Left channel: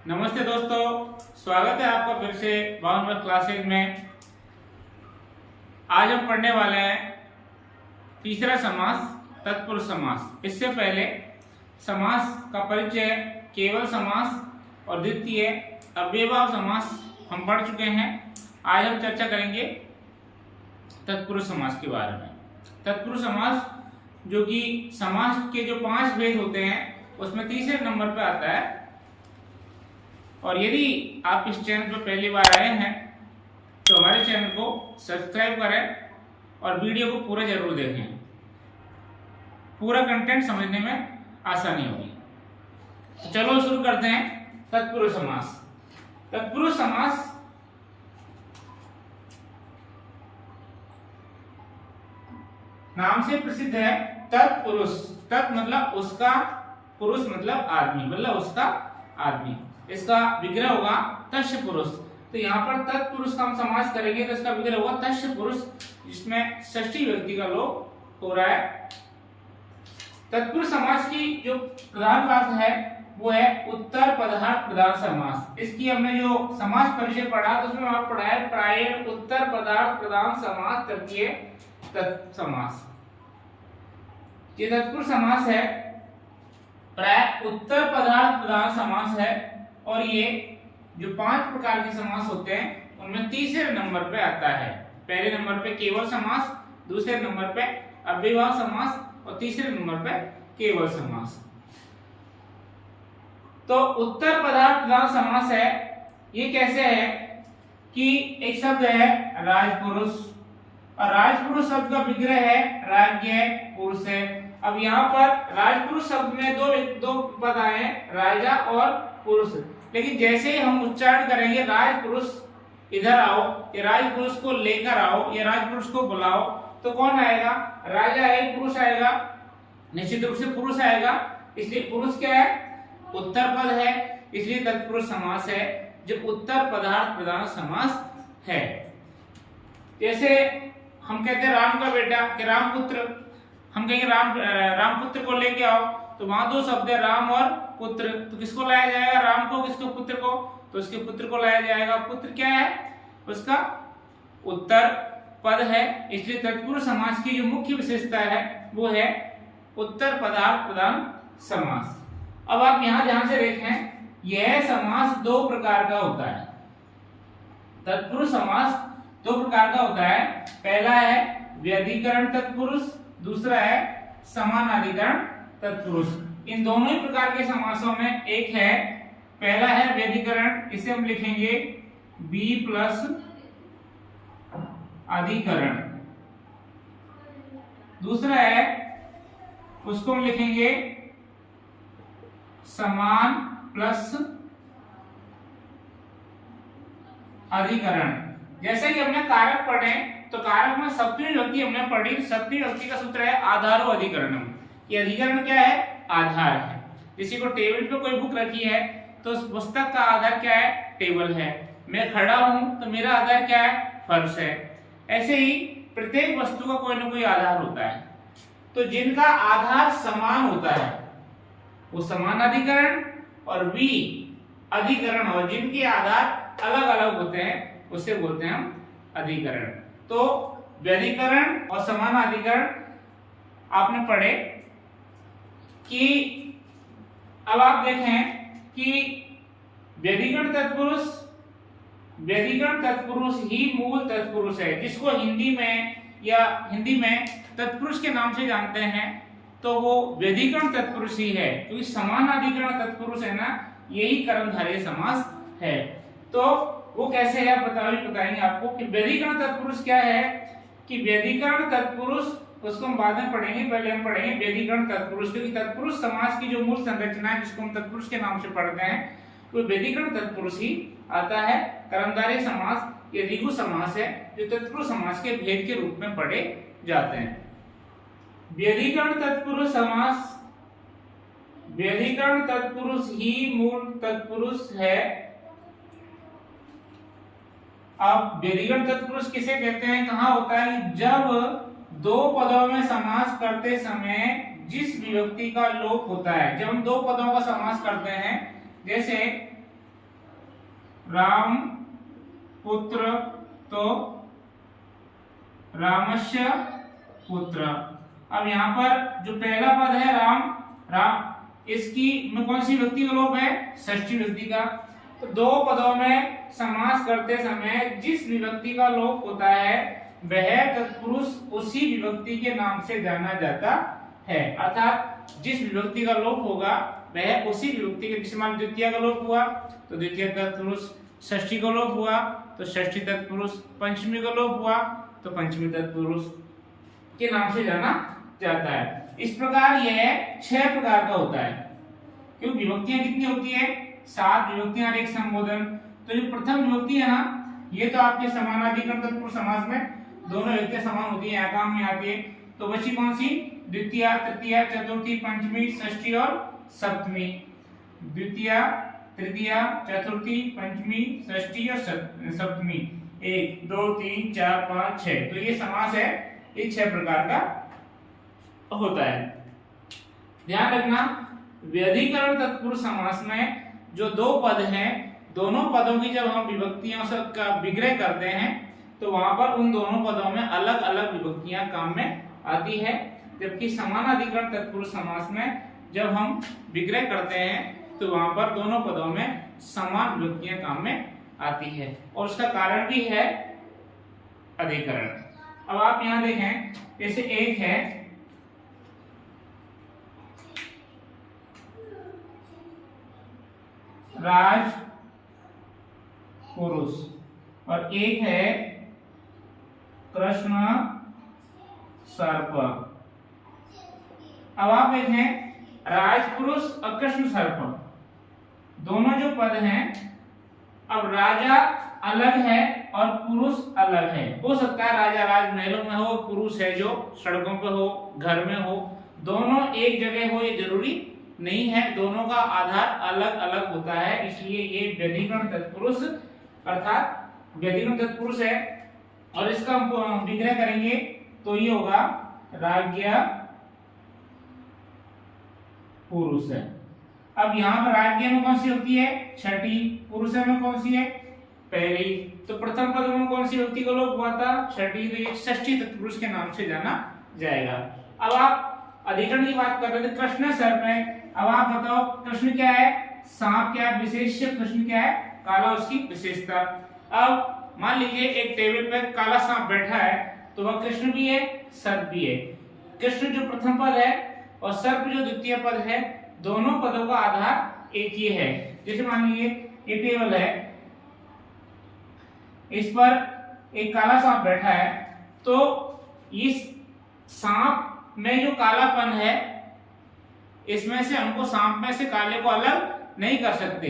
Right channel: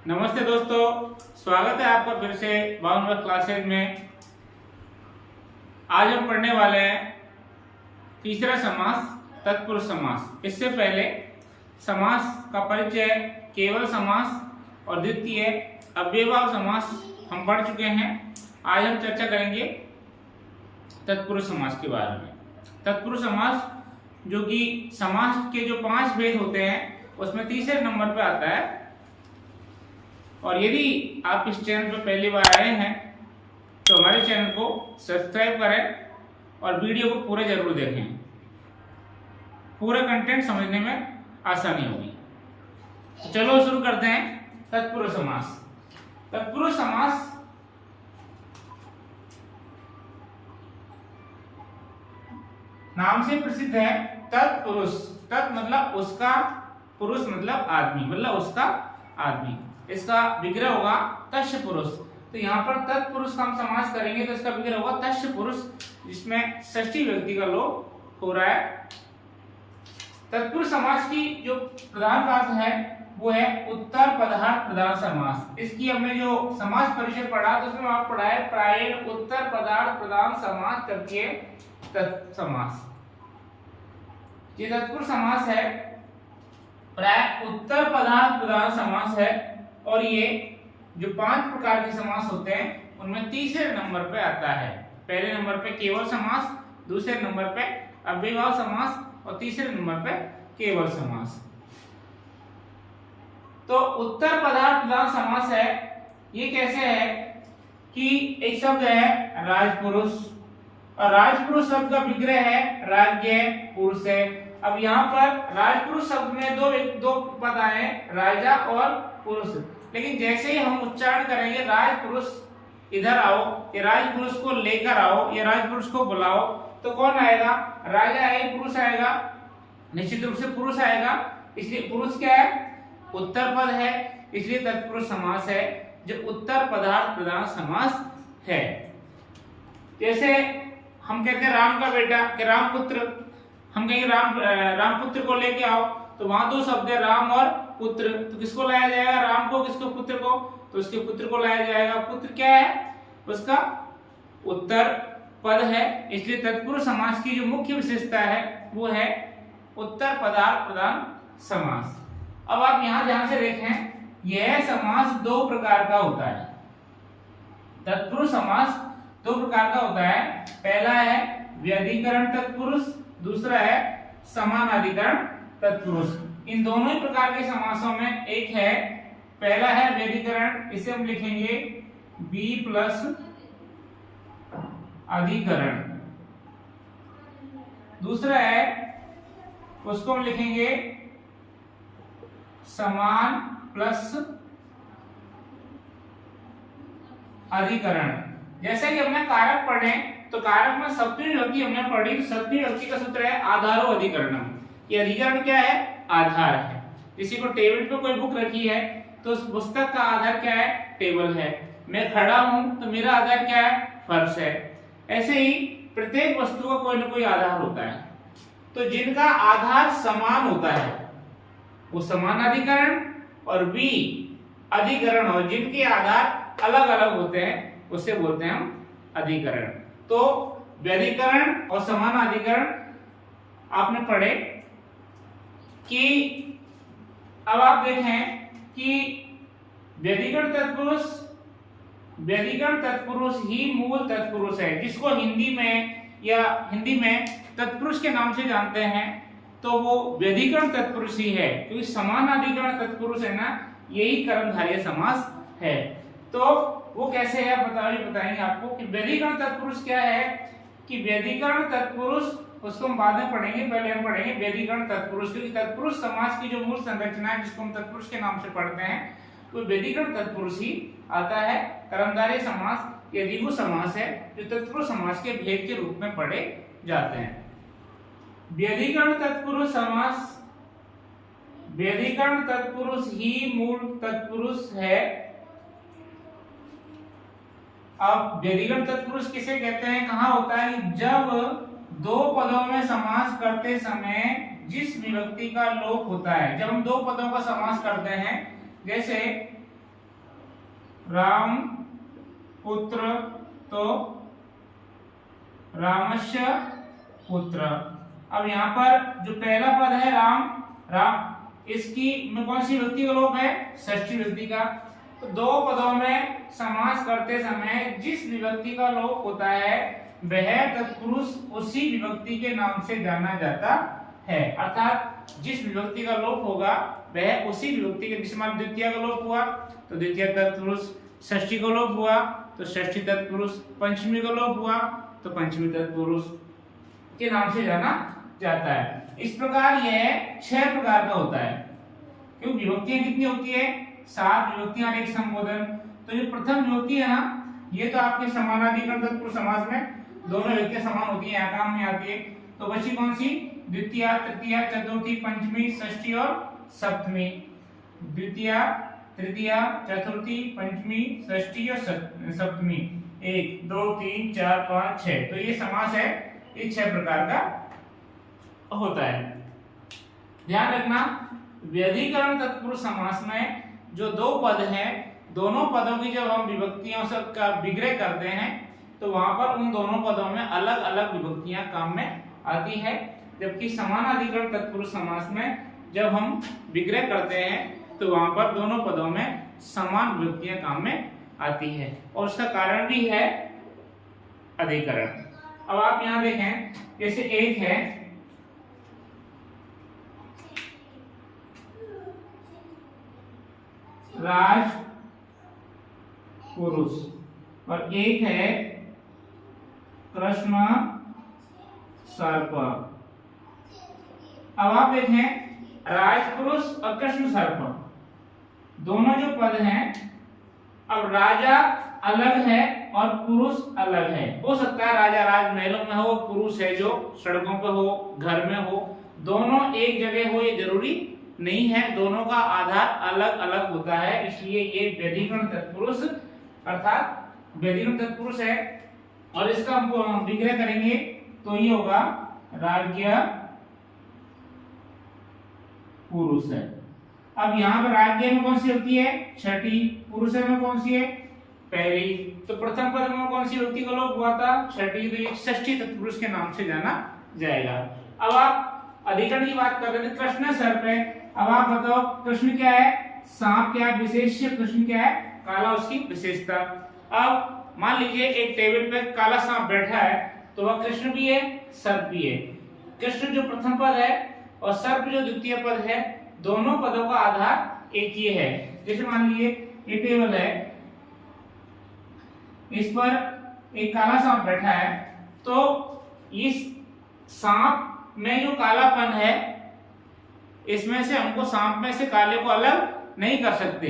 नमस्ते दोस्तों, स्वागत है आपका फिर से बाउंड क्लासेज में। आज हम पढ़ने वाले हैं तीसरा समास, तत्पुरुष समास। इससे पहले समास का परिचय केवल समास और द्वितीय अव्ययभाव समास हम पढ़ चुके हैं। आज हम चर्चा करेंगे तत्पुरुष समास के बारे में। तत्पुरुष समास जो कि समास के जो 5 भेद होते हैं उसमें तीसरे नंबर पे आता है। और यदि आप इस चैनल पर पहली बार आए हैं तो हमारे चैनल को सब्सक्राइब करें और वीडियो को पूरा जरूर देखें। पूरा कंटेंट समझने में आसानी होगी। तो चलो शुरू करते हैं तत्पुरुष समास। तत्पुरुष समास नाम से प्रसिद्ध है। तत्पुरुष, तत् मतलब उसका, पुरुष मतलब आदमी, मतलब उसका आदमी। इसका विग्रह होगा तस्य पुरुष। तो यहाँ पर तत्पुरुष का हम समास करेंगे तो इसका विग्रह होगा तस्य पुरुष, जिसमें षष्ठी व्यक्ति का लोप हो रहा है। तत्पुरुष समास की जो प्रधान बात है वो है उत्तर पदार्थ प्रधान समास। इसकी हमने जो समास परिचय पढ़ा तो उसमें आप पढ़ा है प्रायः उत्तर पदार्थ प्रधान समास तृतीय तत्समास। ये तत्पुरुष समास है, प्राय उत्तर पदार्थ प्रधान समास है। और ये जो 5 प्रकार के समास होते हैं उनमें तीसरे नंबर पे आता है। पहले नंबर पे केवल समास, दूसरे नंबर पे अव्ययभाव समास और तीसरे नंबर पे केवल समास। तो उत्तर पदार्थ प्रधान समास है। ये कैसे है कि एक शब्द है राजपुरुष, और राजपुरुष शब्द का विग्रह है राज्य पुरुष है। अब यहाँ पर राजपुरुष शब्द में दो पद आए, राजा और पुरुष। लेकिन जैसे ही हम उच्चारण करेंगे राजपुरुष इधर आओ, ये राजपुरुष को लेकर आओ, ये राजपुरुष को बुलाओ, तो कौन आएगा? राजा है, पुरुष आएगा, निश्चित रूप से पुरुष आएगा। इसलिए पुरुष क्या है? उत्तर पद है, इसलिए तत्पुरुष समास है जो उत्तर पदार्थ प्रधान समास है। जैसे हम कहते हैं राम का बेटा कि रामपुत्र, हम कहेंगे रामपुत्र को लेके आओ, तो वहां 2 शब्द है राम और पुत्र। तो किसको लाया जाएगा? राम को, किसको? पुत्र को। तो उसके पुत्र को लाया जाएगा। पुत्र क्या है? उसका उत्तर पद है। इसलिए तत्पुरुष समास की जो मुख्य विशेषता है वो है उत्तर पदार्थ प्रधान समास। अब आप यहां ध्यान से देखें, यह समास 2 प्रकार का होता है। तत्पुरुष समास 2 प्रकार का होता है। पहला है व्यधिकरण तत्पुरुष, दूसरा है समानाधिकरण तत्पुरुष। इन दोनों ही प्रकार के समासों में एक है, पहला है व्यधिकरण, इसे हम लिखेंगे बी प्लस अधिकरण। दूसरा है, उसको हम लिखेंगे समान प्लस अधिकरण। जैसे कि हमने कारक पढ़े तो कारक में सप्तमी विभक्ति हमने पढ़ी। सप्तमी विभक्ति का सूत्र है आधारो अधिकरणम। ये अधिकरण क्या है? आधार है। किसी को टेबल पे कोई बुक रखी है तो उस पुस्तक का आधार क्या है? टेबल है। मैं खड़ा हूं तो मेरा आधार क्या है? फर्श है। ऐसे ही प्रत्येक वस्तु का कोई ना कोई आधार होता है। तो जिनका आधार समान होता है वो समान अधिकरण, और बी अधिकरण, और जिनके आधार अलग अलग होते हैं उसे बोलते हैं हम अधिकरण। तो व्यधिकरण और समानाधिकरण आपने पढ़े कि अब आप देखें कि व्यधिकरण तत्पुरुष ही मूल तत्पुरुष है, जिसको हिंदी में तत्पुरुष के नाम से जानते हैं। तो वो व्यधिकरण तत्पुरुष ही है, क्योंकि समानाधिकरण तत्पुरुष है ना, यही कर्मधारय समास है। तो वो कैसे है बताएंगे आपको कि व्यधिकरण तत्पुरुष क्या है। कि व्यधिकरण तत्पुरुष उसको हम बाद में पढ़ेंगे, पहले हम पढ़ेंगे व्यधिकरण तत्पुरुष, क्योंकि तत्पुरुष समास की जो मूल संरचना है जिसको हम तत्पुरुष के नाम से पढ़ते हैं वो व्यधिकरण तत्पुरुष ही आता है। कर्मधारय समास या द्विगु समास है जो तत्पुरुष समास के भेद के रूप में पढ़े जाते हैं। व्यधिकरण तत्पुरुष समास, व्यधिकरण तत्पुरुष ही मूल तत्पुरुष है। अब व्यधिकरण तत्पुरुष किसे कहते हैं? कहाँ होता है? जब 2 पदों में समास करते समय जिस विभक्ति का लोप होता है। जब हम 2 पदों का समास करते हैं, जैसे राम पुत्र तो रामस्य पुत्र। अब यहाँ पर जो पहला पद है राम, राम इसकी में कौन सी विभक्ति का लोप है? षष्ठी विभक्ति का। तो दो पदों में समास करते समय जिस विभक्ति का लोप होता है वह तत्पुरुष उसी विभक्ति के नाम से जाना जाता है। अर्थात जिस विभक्ति का लोप होगा वह उसी विभक्ति के, जैसे मान द्वितीय का लोप हुआ तो द्वितीय तत्पुरुष, षष्ठी का लोप हुआ तो षष्ठी तत्पुरुष, पंचमी का लोप हुआ तो पंचमी तत्पुरुष के नाम से जाना जाता है। इस प्रकार यह 6 प्रकार का होता है। क्योंकि विभक्तियां कितनी होती है? 7 विभक्तियां और एक संबोधन। तो जो प्रथम विभक्ति है ना, ये तो आपके समानाधिकरण तत्पुरुष समास में दोनों विभक्तियां समान होती है, यहाँ काम में आती है। तो बची कौन सी? द्वितीय, तृतीय, चतुर्थी, पंचमी, षष्ठी और सप्तमी। द्वितीय, तृतीय, चतुर्थी, पंचमी, षष्ठी और सप्तमी। 1 2 3 4 5 6। तो ये समास है, ये 6 प्रकार का होता है। ध्यान रखना, व्यधिकरण तत्पुरुष समास में जो 2 पद हैं, दोनों पदों की जब हम विभक्तियों से का विग्रह करते हैं तो वहां पर उन दोनों पदों में अलग अलग विभक्तियां काम में आती है। जबकि समानाधिकरण तत्पुरुष समास में जब हम विग्रह करते हैं तो वहां पर दोनों पदों में समान विभक्तियां काम में आती है और उसका कारण भी है अधिकरण। अब आप यहां देखें, जैसे एक है राज पुरुष और एक है कृष्ण सर्प। अब आप देखें, राजपुरुष और कृष्ण सर्प दोनों जो पद हैं, अब राजा अलग है और पुरुष अलग है। हो सकता है राजा राजमहलों में हो, पुरुष है जो सड़कों पे हो, घर में हो, दोनों एक जगह हो ये जरूरी नहीं है। दोनों का आधार अलग अलग होता है, इसलिए ये व्यधिकरण तत्पुरुष अर्थात व्यधिकरण तत्पुरुष है। और इसका हम विग्रह करेंगे तो ये होगा राज्य पुरुष है। अब यहाँ पर राज्य में कौन सी होती है? छठी। पुरुष में कौन सी है? पहली। तो प्रथम पद में कौन सी विभक्ति का लोप हुआ था? छठी। तो ये षष्ठी तत्पुरुष के नाम से जाना जाएगा। अब आप अधिकरण की बात कर रहे थे, कृष्ण सर्प है। अब आप बताओ, कृष्ण क्या है? सांप। क्या विशेष्य? कृष्ण क्या है? काला, उसकी विशेषता। अब मान लीजिए एक टेबल पे काला सांप बैठा है तो वह कृष्ण भी है, सर्प भी है। कृष्ण जो प्रथम पद है और सर्प जो द्वितीय पद है, दोनों पदों का आधार एक ही है। जैसे मान लीजिए ये टेबल है, इस पर एक काला सांप बैठा है, तो इस सांप में जो कालापन है, इसमें से हमको सांप में से काले को अलग नहीं कर सकते।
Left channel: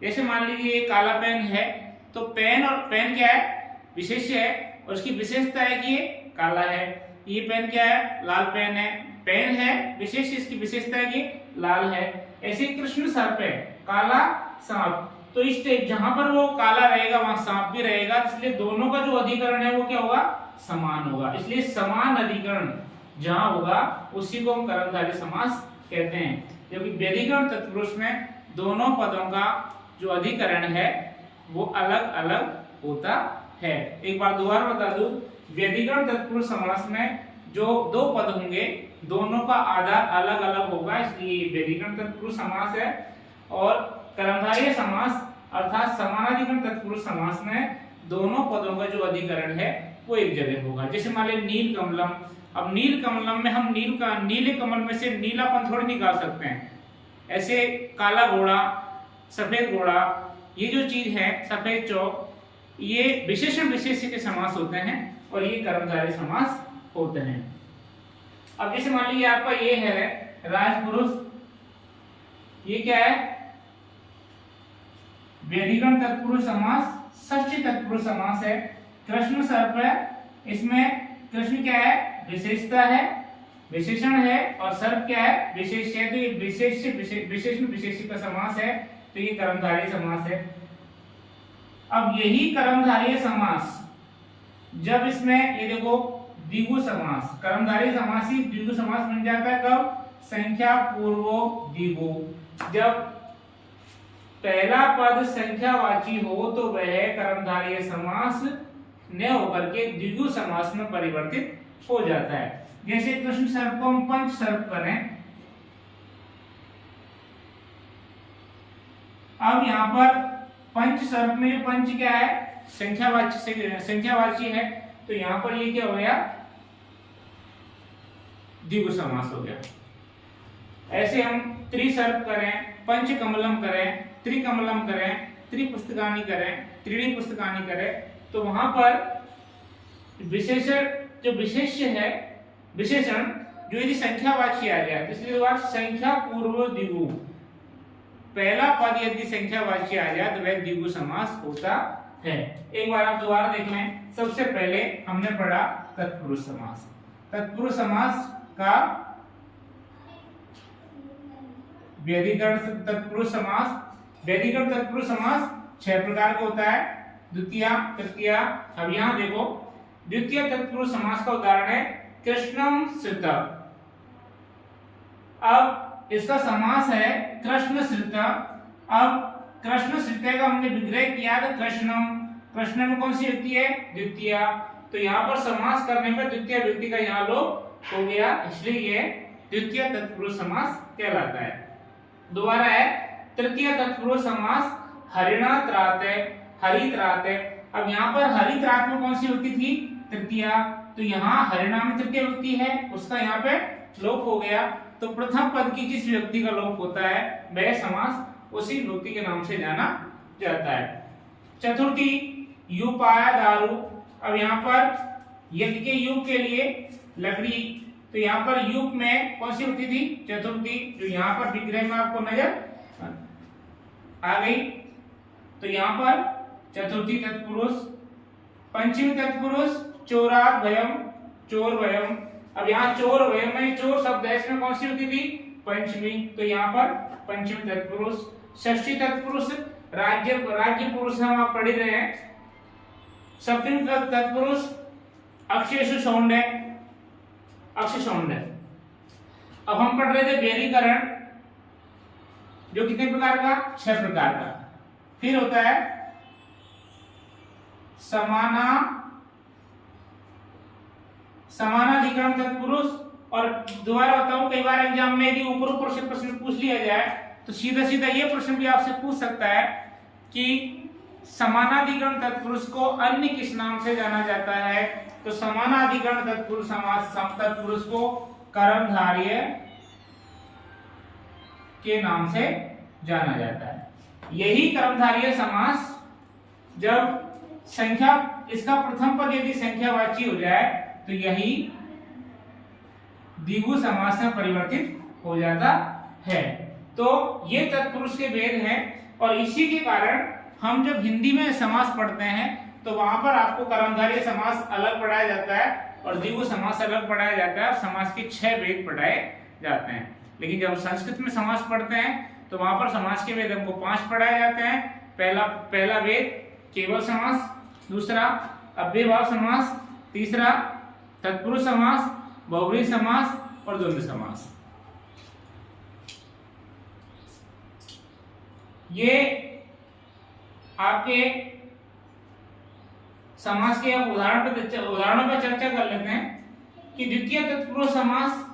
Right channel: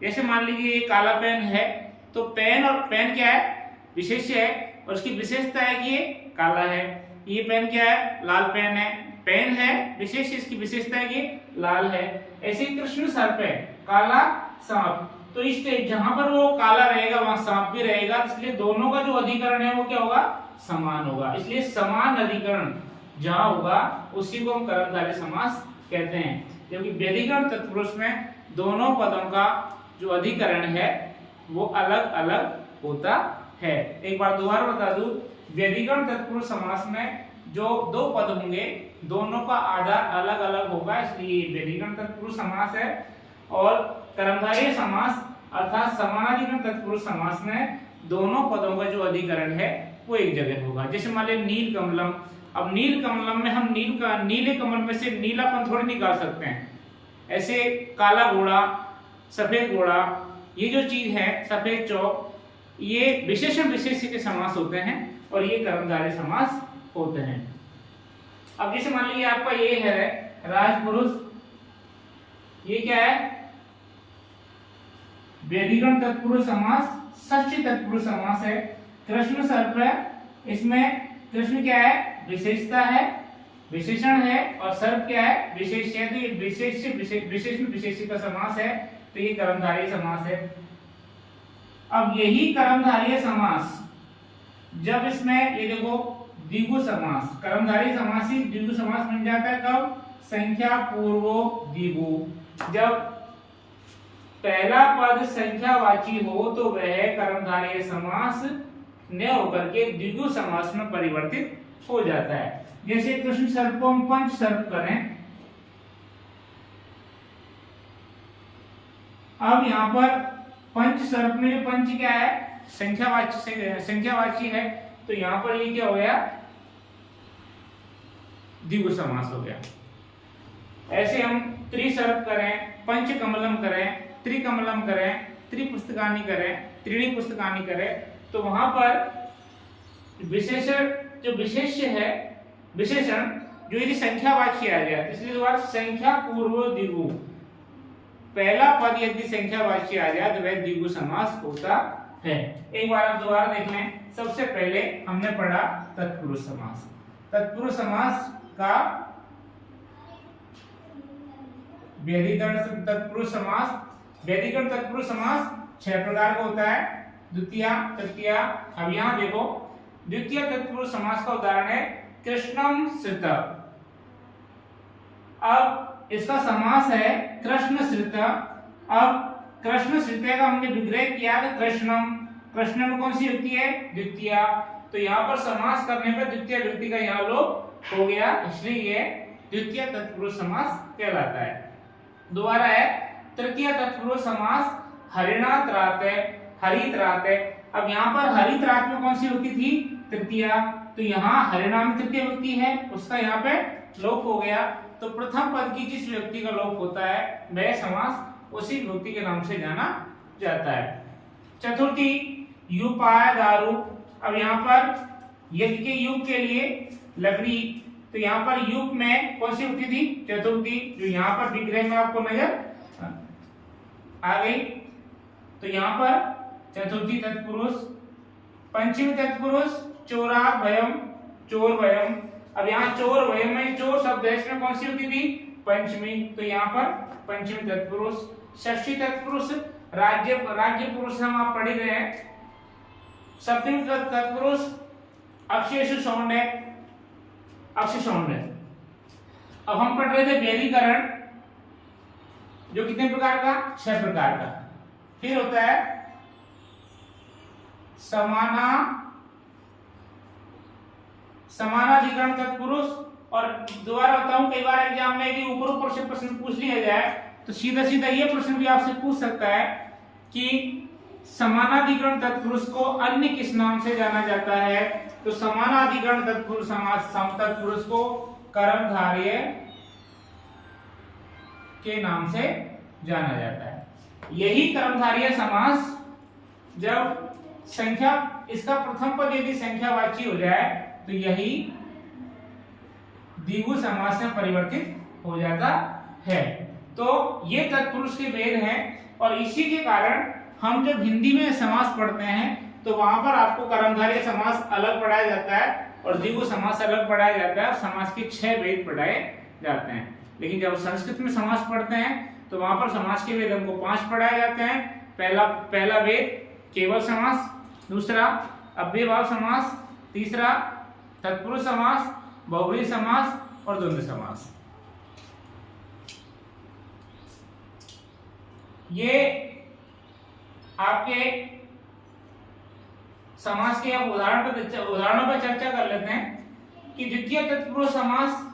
जैसे मान लीजिए ये काला पेन है, तो पेन और पेन क्या है? विशेष्य है और उसकी विशेषता है कि ये काला है। ये पेन क्या है? लाल पेन है। पेन है विशेष, इसकी विशेषता है कि लाल है। ऐसे कृष्ण सर्प है, काला सांप। तो इस जहां पर वो काला रहेगा वहां सांप भी रहेगा, इसलिए दोनों का जो अधिकरण है वो क्या होगा? समान होगा। इसलिए समान अधिकरण जहां होगा उसी को हम कर्मधारय समास कहते हैं। जबकि व्यधिकरण तत्पुरुष में दोनों पदों का जो अधिकरण है वो अलग अलग होता है। एक बार दोबारा बता दूं, व्यधिकरण तत्पुरुष समास में जो 2 पद होंगे दोनों का आधार अलग अलग होगा, इसलिए व्यधिकरण तत्पुरुष समास है। और कर्मधारय समास अर्थात समानाधिकरण तत्पुरुष समास में दोनों पदों का जो अधिकरण है वो एक जगह होगा। जैसे मान लिया नील कमलम। अब नील कमलम में हम नीले कमल में से नीलापन थोड़ी निकाल सकते हैं। ऐसे काला घोड़ा, सफेद घोड़ा, ये जो चीज है सफेद चौक, ये विशेषण विशेष्य के समास होते हैं और ये कर्मधारय समास होते हैं। अब जैसे मान लीजिए आपका ये है राजपुरुष, ये क्या है? व्यधिकरण तत्पुरुष समास, षष्ठी तत्पुरुष समास है। कृष्ण सर्प है, इसमें कृष्ण क्या है? विशेषता है, विशेषण है, और सर्प क्या है? विशेष है। तो ये विशेषण विशेष्य का समास है, तो ये कर्मधारय समास है। अब यही कर्मधारय समास जब इसमें ये देखो द्विगु समास, कर्मधारय समास ही द्विगु समास बन जाता है कब? संख्या पूर्वक द्विगु। जब पहला पद संख्यावाची हो तो वह कर्मधारय समास न होकर के द्विगु समास में परिवर्तित हो जाता है। जैसे कृष्ण सर्प को हम पंच सर्प करें, अब यहाँ पर पंच सर्प में पंच क्या है, संख्यावाची है, तो यहाँ पर ये क्या हो गया, द्विगु समास हो गया। ऐसे हम त्रिसर्प करें, पंच कमलम करें, त्रिकमलम करें, त्रिपुस्तकानि करें, त्रीणी पुस्तकानि करें, तो वहां पर विशेषण जो विशेष्य है, विशेषण जो यदि संख्यावाची आ जाए, इसलिए बात संख्या पूर्व द्विगु, पहला पद यदि संख्यावाची आ जाए तो वह द्विगु समास होता है। एक बार आप दोबारा देख लें। सबसे पहले हमने पढ़ा तत्पुरुष समास। तत्पुरुष समास का व्यधिकरण तत्पुरुष समास, व्यधिकरण तत्पुरुष समास 6 प्रकार का होता है, द्वितीय, तृतीय। अब यहां देखो, द्वितीय तत्पुरुष समास का उदाहरण है कृष्णम श्रित। अब इसका समास है कृष्ण श्रित। अब कृष्ण श्रित का हमने विग्रह किया तो कृष्णम, कृष्ण में कौन सी व्यक्ति है, द्वितीय, तो यहाँ पर समास करने पर द्वितीय व्यक्ति का यहाँ लोप हो गया, इसलिए ये द्वितीय तत्पुरुष समास कहलाता है। दोबारा है तृतीय तत्पुरुष समास हरिणा त्राते, हरि त्राते। अब यहाँ पर हरि त्रात में कौन सी व्यक्ति थी, तृतीय, तो यहाँ हरिणा में तृतीय व्यक्ति है, उसका यहाँ पे लोप हो गया, तो प्रथम पद की जिस व्यक्ति का लोप होता है वह समास उसी व्यक्ति के नाम से जाना जाता है। चतुर्थी युपाय दारू। अब यहाँ पर यज्ञ के युग के लिए लकड़ी, तो यहाँ पर युग में कौन सी व्यक्ति थी, चतुर्थी, जो यहाँ पर विग्रह में आपको नजर आ गई, तो यहाँ पर चतुर्थी तत्पुरुष। पंचमी तत्पुरुष चोरात भयम, चोर भयम। अब यहाँ चोर भयम में चोर शब्द है, इसमें कौन सी व्यक्ति थी, पंचमी, तो यहाँ पर पंचमी तत्पुरुष। षष्ठी तत्पुरुष राज्य, राज्य पुरुष हम आप पढ़ रहे हैं। सप्तमी तत्पुरुष अक्षेषु सौंडय, अक्ष सौंडय। अब हम पढ़ रहे थे व्यधिकरण, जो कितने प्रकार का, 6 प्रकार का। फिर होता है समानाधिकरण तत्पुरुष। और दोबारा बताऊं, कई बार एग्जाम में यदि ऊपर ऊपर से प्रश्न पूछ लिया जाए तो सीधा सीधा ये प्रश्न भी आपसे पूछ सकता है कि समानाधिकरण तत्पुरुष को अन्य किस नाम से जाना जाता है, तो समानाधिकरण तत्पुरुष समास तत्पुरुष को कर्मधारय के नाम से जाना जाता है। यही कर्मधारय समास जब संख्या, इसका प्रथम पद यदि संख्यावाची हो जाए तो यही द्विगु समास में परिवर्तित हो जाता है। तो ये तत्पुरुष के भेद हैं, और इसी के कारण हम जब हिंदी में समास पढ़ते हैं तो वहां पर आपको कर्मधारय समास अलग पढ़ाया जाता है और द्विगु समास अलग पढ़ाया जाता है, और समास के 6 भेद पढ़ाए जाते हैं। लेकिन जब संस्कृत में समास पढ़ते हैं तो वहां पर समास के भेद हमको 5 पढ़ाए जाते हैं। पहला भेद केवल समास, दूसरा अव्ययभाव समास, तीसरा तत्पुरुष समास, बहुव्रीहि समास और द्वंद्व समास। ये आपके समास के अब उदाहरणों पर चर्चा कर लेते हैं कि द्वितीय तत्पुरुष समास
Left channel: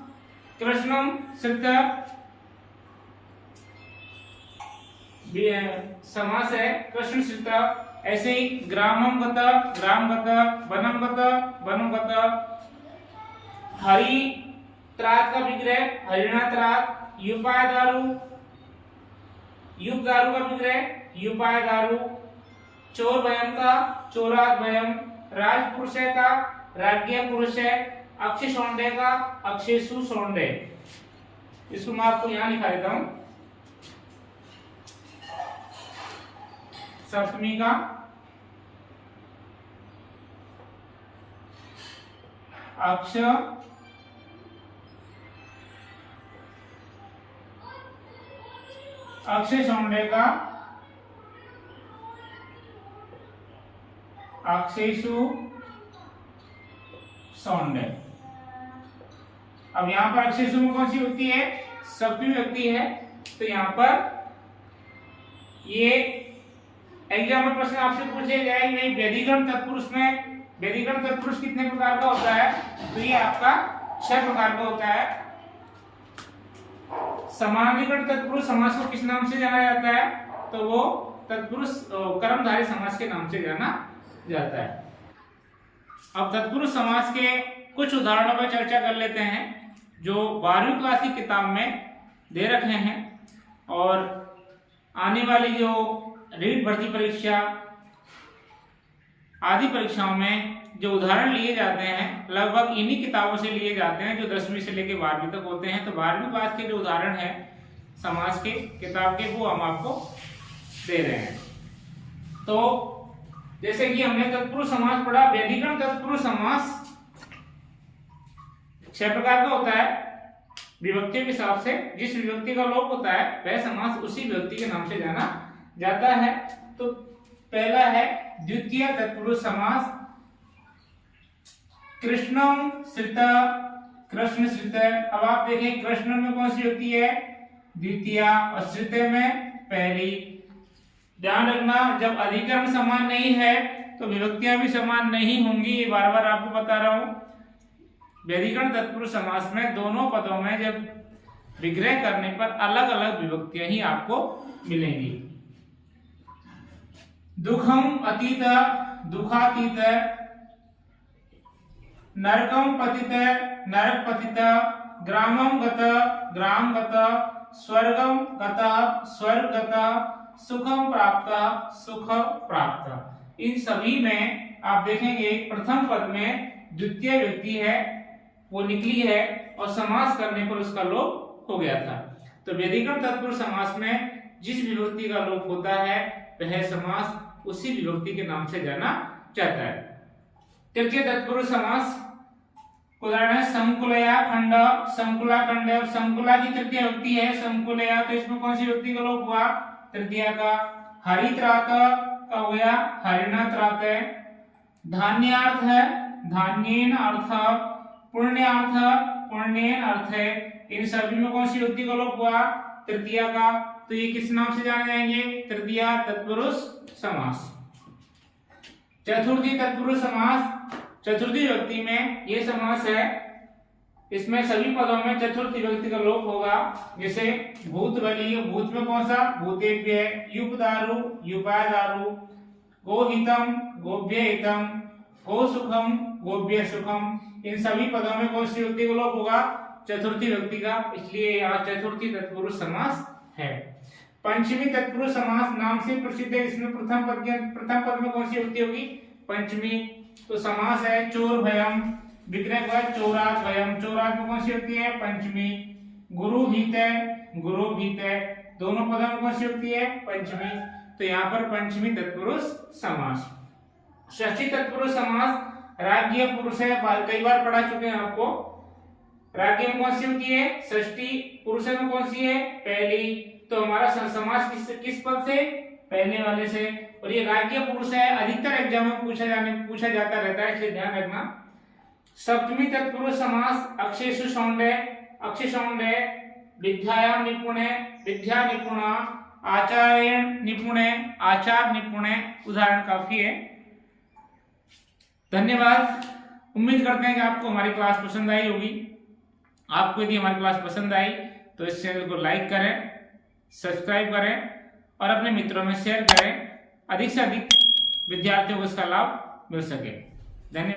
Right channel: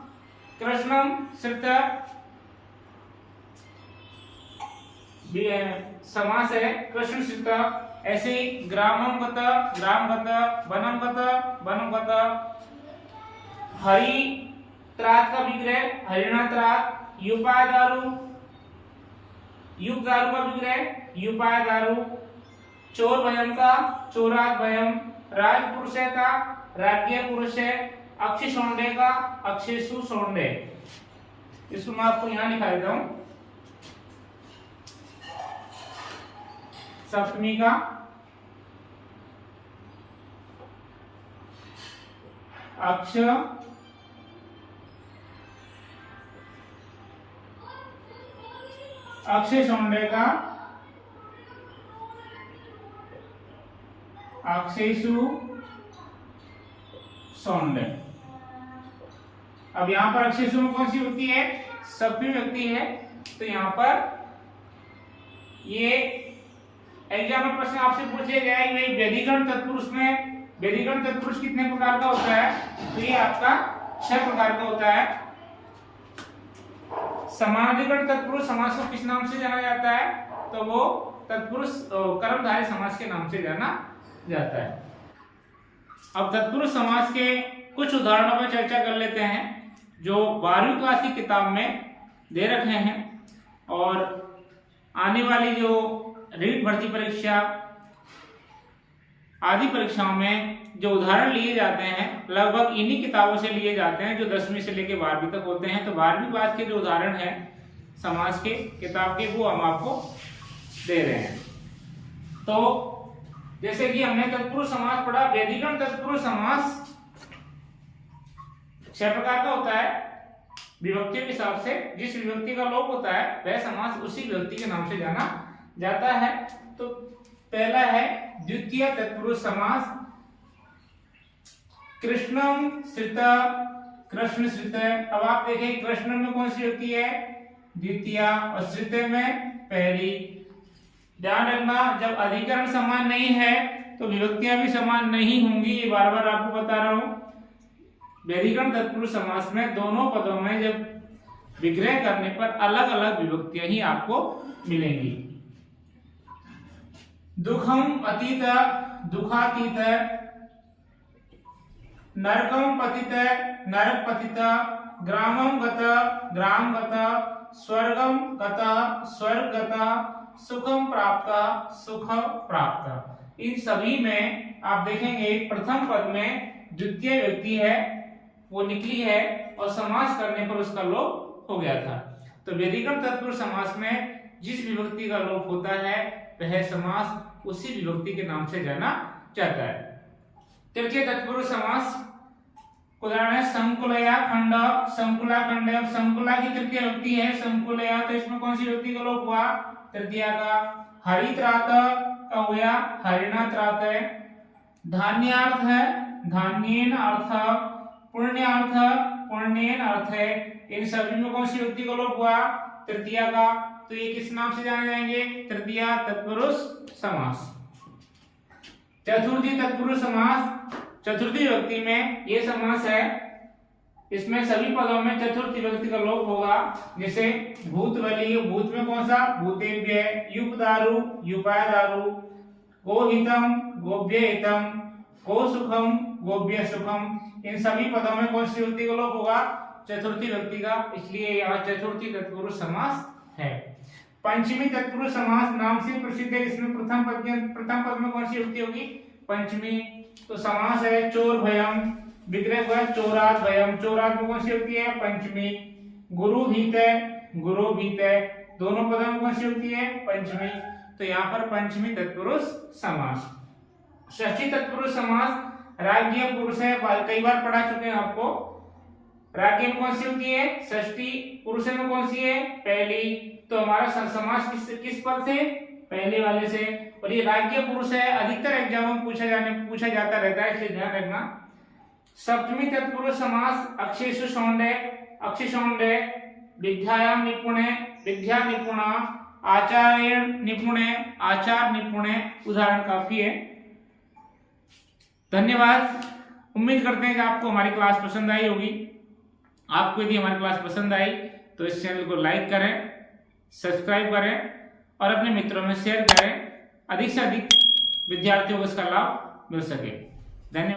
कृष्णम श्रित समास है, कृष्ण श्रित। ऐसे ही ग्रामम गत, ग्राम गत, वनम गत, वनम गत। हरि त्रात का विग्रह हरिणा त्रात। युपाय दारू, युग दारू का विग्रह युपाय दारू। चोर भयम का चोरात भयम। राजपुरुष का राज्य पुरुष है। अक्षय सौंडे का अक्षेषु सौंडे। इसको मैं आपको यहां लिखा देता हूं। सप्तमी का अक्ष अक्षय सौंडे का अक्षेषु सौंडे। अब यहां पर अक्षेषु में कौन सी व्यक्ति है, सप्तमी व्यक्ति है, तो यहां पर ये एग्जाम में प्रश्न आपसे पूछे गया ये व्यधिकरण तत्पुरुष में व्यधिकरण तत्पुरुष कितने प्रकार का होता है? तो ये आपका 6 प्रकार का होता है। समानाधिकरण तत्पुरुष समास को किस नाम से जाना जाता है? तो वो तत्पुरुष कर्मधारय समास के नाम से जाना जाता है। अब तत्पुरुष समास के कुछ उदाहरणों पर चर्चा कर लेते हैं जो 12वीं क्लास की किताब में दे रखे हैं और आने वाली जो रीट भर्ती परीक्षा आदि परीक्षाओं में जो उदाहरण लिए जाते हैं लगभग इन्हीं किताबों से लिए जाते हैं जो 10वीं से लेकर 12वीं तक होते हैं। तो 12वीं क्लास के जो उदाहरण हैं समास के किताब के वो हम आपको दे रहे हैं। तो जैसे कि हमने तत्पुरुष समास पढ़ा, व्यधिकरण तत्पुरुष समास 6 प्रकार का होता है विभक्तियों के हिसाब से। जिस विभक्ति का लोप होता है वह समास उसी विभक्ति के नाम से जाना जाता है। तो पहला है द्वितीय तत्पुरुष समास, कृष्णम श्रित, कृष्ण श्रित। अब आप देखें कृष्ण में कौन सी होती है? द्वितीय, और श्रित में पहली। ध्यान रखना जब अधिकरण समान नहीं है तो विभक्तियां भी समान नहीं होंगी, ये बार बार आपको बता रहा हूं। व्यधिकरण तत्पुरुष समास में दोनों पदों में जब विग्रह करने पर अलग अलग विभक्तियां ही आपको मिलेंगी। दुखम अतीत, दुखातीत, नरकम पतित, नरक पतित, ग्रामम गत, ग्राम गत, स्वर्गम गत, स्वर्ग गत, सुखम प्राप्त, सुख प्राप्त। इन सभी में आप देखेंगे प्रथम पद में द्वितीय व्यक्ति है वो निकली है और समास करने पर उसका लोप हो गया था। तो व्यधिकरण तत्पुरुष समास में जिस विभक्ति का लोप होता है वह समास उसी विभक्ति के नाम से जाना जाता है। तृतीय तत्पुरुष समास उदाहरण है संकुलया खंड, संकुला खंड। संकुला की तृतीय विभक्ति है संकुलया, तो इसमें कौन सी विभक्ति का लोप हुआ? तृतीया का। हरित्रात का हो गया हरिणात्रात। धान्यार्थ है धान्येन अर्थ, पुण्यार्थ पुण्येन अर्थ। इन सभी में कौन सी विभक्ति का लोप हुआ? तृतीया का। तो ये किस नाम से जाने जाएंगे? तृतीय तत्पुरुष समास। चतुर्थी तत्पुरुष समास, चतुर्थी विभक्ति में ये समास है, इसमें सभी पदों में चतुर्थी विभक्ति का लोप होगा। जैसे भूत बलि, भूत में कौन सा? भूतेभ्य। युपदारु, युपादारु। गोहितम, गोभ्य हितम। गो सुखम, गोभ्य सुखम। इन सभी पदों में कौन सी विभक्ति का लोप होगा? चतुर्थी विभक्ति का, इसलिए यहाँ चतुर्थी तत्पुरुष समास है। पंचमी तत्पुरुष समास नाम से प्रसिद्ध है, इसमें प्रथम पद में कौन सी विभक्ति होगी? पंचमी। तो समास है चोर भयम, विग्रह हुआ चोरात भयम। चोरात में कौन सी विभक्ति है? पंचमी। गुरु भीत, गुरु भीत। दोनों पदों में कौन सी विभक्ति है? पंचमी। तो यहाँ पर पंचमी तत्पुरुष समास। षष्ठी तत्पुरुष समास राज्य पुरुष है, कई बार पढ़ा चुके हैं आपको। राज्य में कौन सी होती है? षष्ठी। पुरुष में कौन सी है? पहली। तो हमारा समास किस पद से? पहले वाले से। और ये राज्य पुरुष है, अधिकतर एग्जाम में पूछा जाता रहता है, इसलिए ध्यान रखना। सप्तमी तत्पुरुष समास अक्षेषु शौंडे, अक्षि शौंडे, विद्यायाम निपुणे, विद्या निपुण, आचार्य निपुणे, आचार निपुणे। उदाहरण काफी है। धन्यवाद। उम्मीद करते हैं कि आपको हमारी क्लास पसंद आई होगी। आपको यदि हमारी क्लास पसंद आई तो इस चैनल को लाइक करें, सब्सक्राइब करें और अपने मित्रों में शेयर करें, अधिक से अधिक विद्यार्थियों को इसका लाभ मिल सके। धन्यवाद।